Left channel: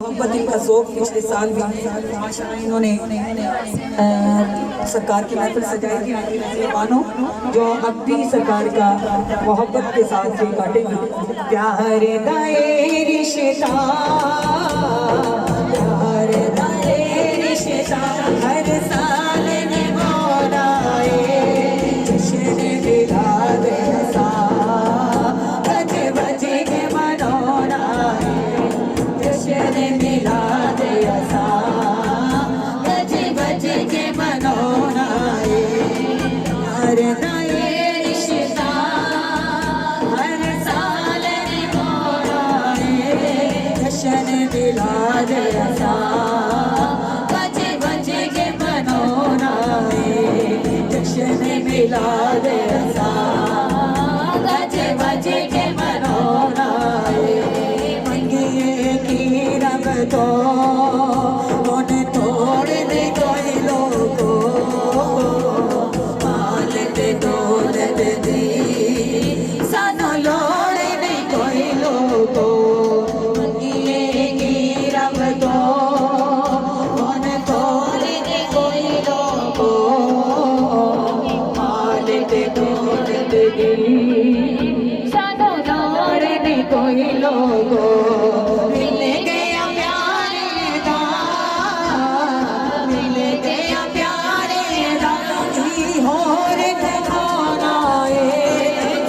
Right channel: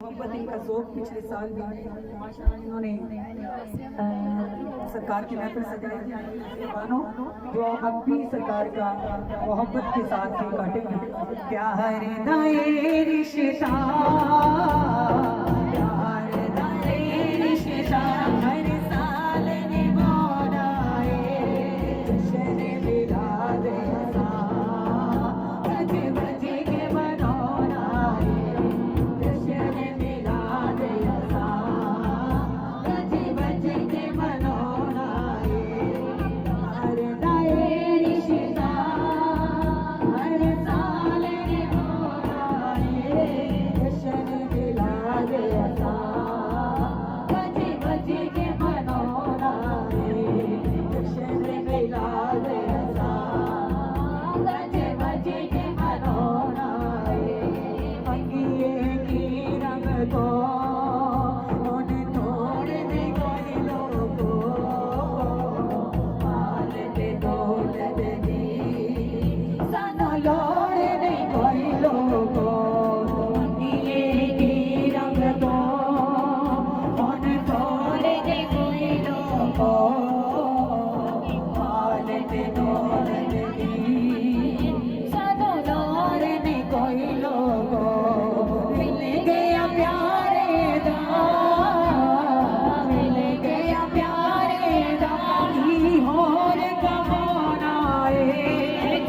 मोहब्बत इनका ज़ौक़ पिछले साल भी माशाअल्लाह इन्होंने सरकार की महफिल सजाई थी। मेहमानों जो अब भी सरकार का मोहब्बत के साथ ये काटेंगे। प्यार दाए रिश्ता, प्यार दाए रिश्ता, हर साल निभाए जश्न मिलाद रज़ा, बज बज के मनाना जश्न मिलाद रज़ा, बज बज के मनाना प्यार दाए रिश्ता, हर साल निभाए जश्न मिलाद रज़ा, बज बज के मनाना जश्न मिलाद रज़ा, बज बज के मनाना मंगिए की रब तो मन तोड़ दे कोई लोगो, मालक दौलत दी सानू लोड़ नहीं कोई लोगो, मंगिए की रब तो मन तोड़ दे कोई लोगो, मालक दौलत दी सानू लोड़ नहीं कोई लोगो। मिल गया प्यारे दा, मिल गया प्यारे दा, की होर ठिकाना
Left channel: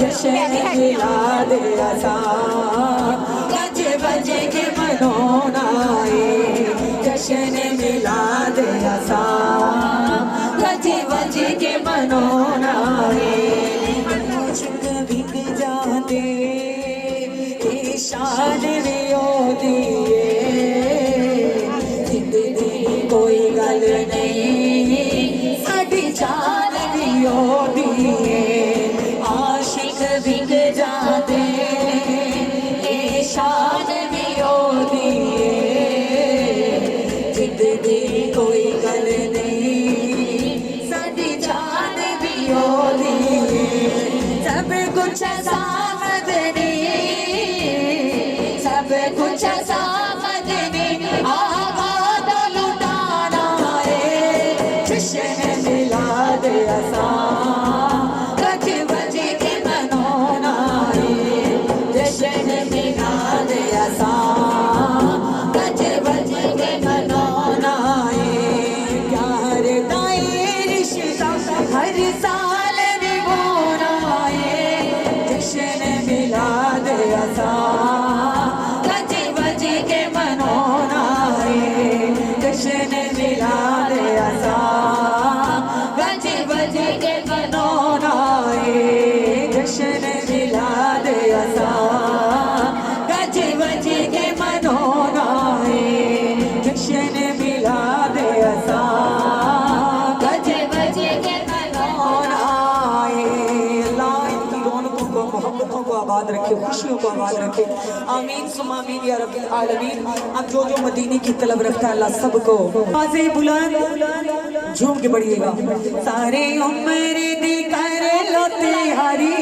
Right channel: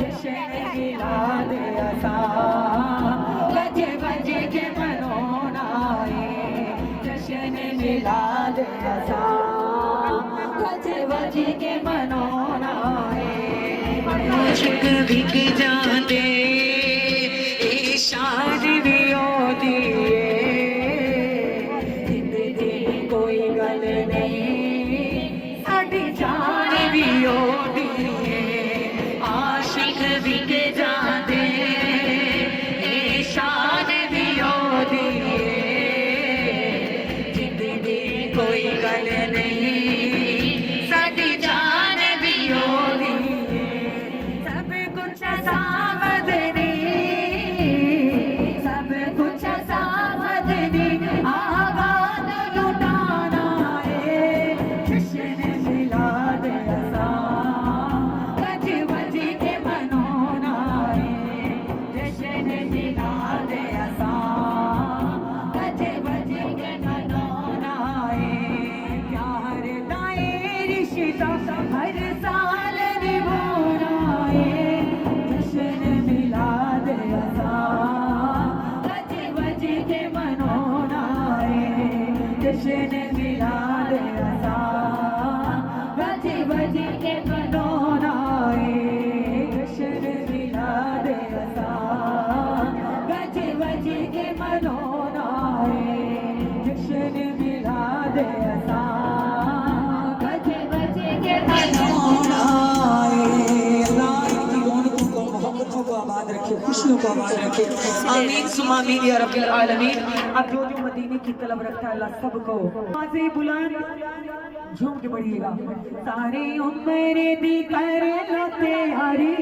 जश्न मिलाद रज़ा, बज बज के मनाना जश्न मिलाद रज़ा, बज बज के मनाना इश्क बिक जाते शान भी होती जिंदगी कोई गल नहीं, साडी जान भी होती आशिक बिक जाते शान भी होती जिंदगी कोई गल नहीं, साडी जान भी होती सब कुछ सामदनी, सब कुछ सामदनी आबाद लुटाना जश्न मिलाद रज़ा, बज बज के मनाना जश्न मिलाद रज़ा, बज बज के मनाना प्यार दाए रिश्ता, हर साल निभाना जश्न मिलाद रज़ा, बज बज के मनाना जश्न मिलाद रज़ा, बज बज के मनाना जश्न मिलाद रज़ा, बज बज के मनाना जश्न मिलाद रज़ा, बज बज के मनाना। अल्लाह इनकी रौनकों को, मोहब्बतों को आबाद रखे, खुशियों को आबाद रखे। आमीन सुमा आमीन या रब्बिल आलमीन। अब जो जो मदीने की तलब रखता है अल्लाह सबको आवाज़े बुलंद झूम के पढ़िएगा। सारे उम्र दी कर लो तैयारी,